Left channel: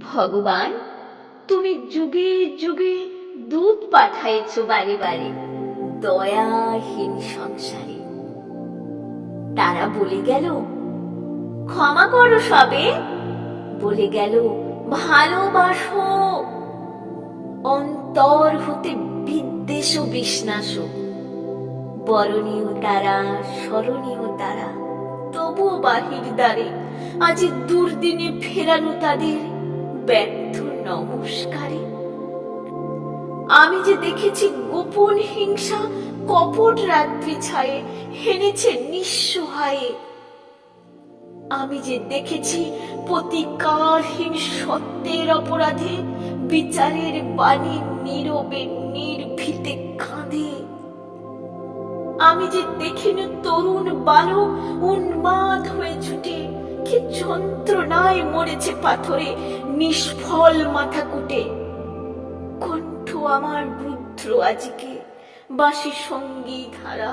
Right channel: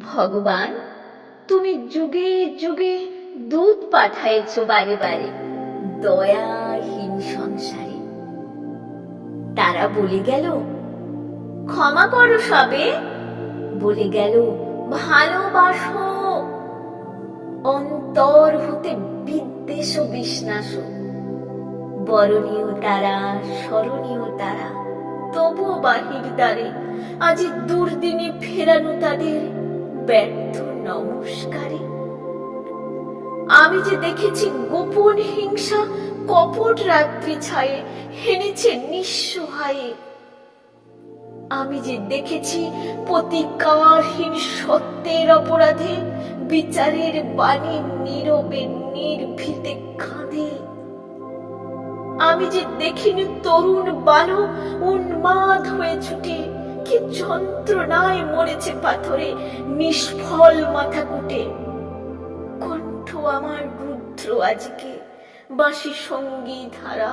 ভগবান, তুমি যুগে যুগে দুধ পাঠাইছ বারে বারে দয়াহীন সংসারে। তারা বলে গেল, ক্ষমা করো সবে। বলে গেল, ভালোবাসো। অন্তর হতে বিদ্বেষ বিশ্বাস বরণীয় তারা, স্মরণীয় তারা। তবুও বাহির দ্বারে, আজ দুর্দিনে ফেরানো তাদের ব্যর্থ নমস্কারে। আমি যে দেখেছি গোপন হিংসা, কপট রাত্রি ছায়ে হেনেছে নিঃসহায়ে। আমি যে দেখেছি প্রতিকারহীন সত্যের অপরাধে, বিচারের বাণী নীরবে নির্ভীতে কাঁদে। আমি যে দেখিনি তরুণ বালক উন্মাদ হয়ে ছুটে কি যন্ত্রণায় মরেছে পাথরে, নিষ্ফল মাথা কুটে। কণ্ঠ আমার রুদ্র আজকে, বাঁশি সংগীত হারা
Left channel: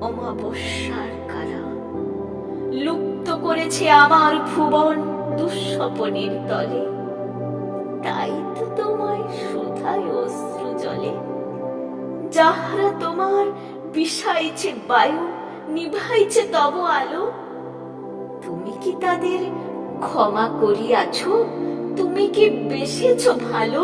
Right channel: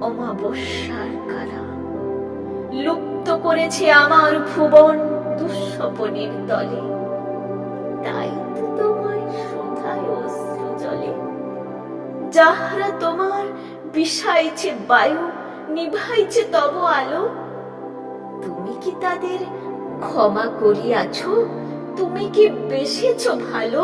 অমাবস্যার কারা লুপ্ত করেছে আমার ভুবন দুঃস্বপনের তলে। তাই তো তোমায় শোধায় অশ্রু জলে। যাহারা তোমার বিষাইছে বায়ু, নিভাইছে তব আলো। কি তাদের ক্ষমা করিয়াছ? তুমি কি বেসেছ ভালো?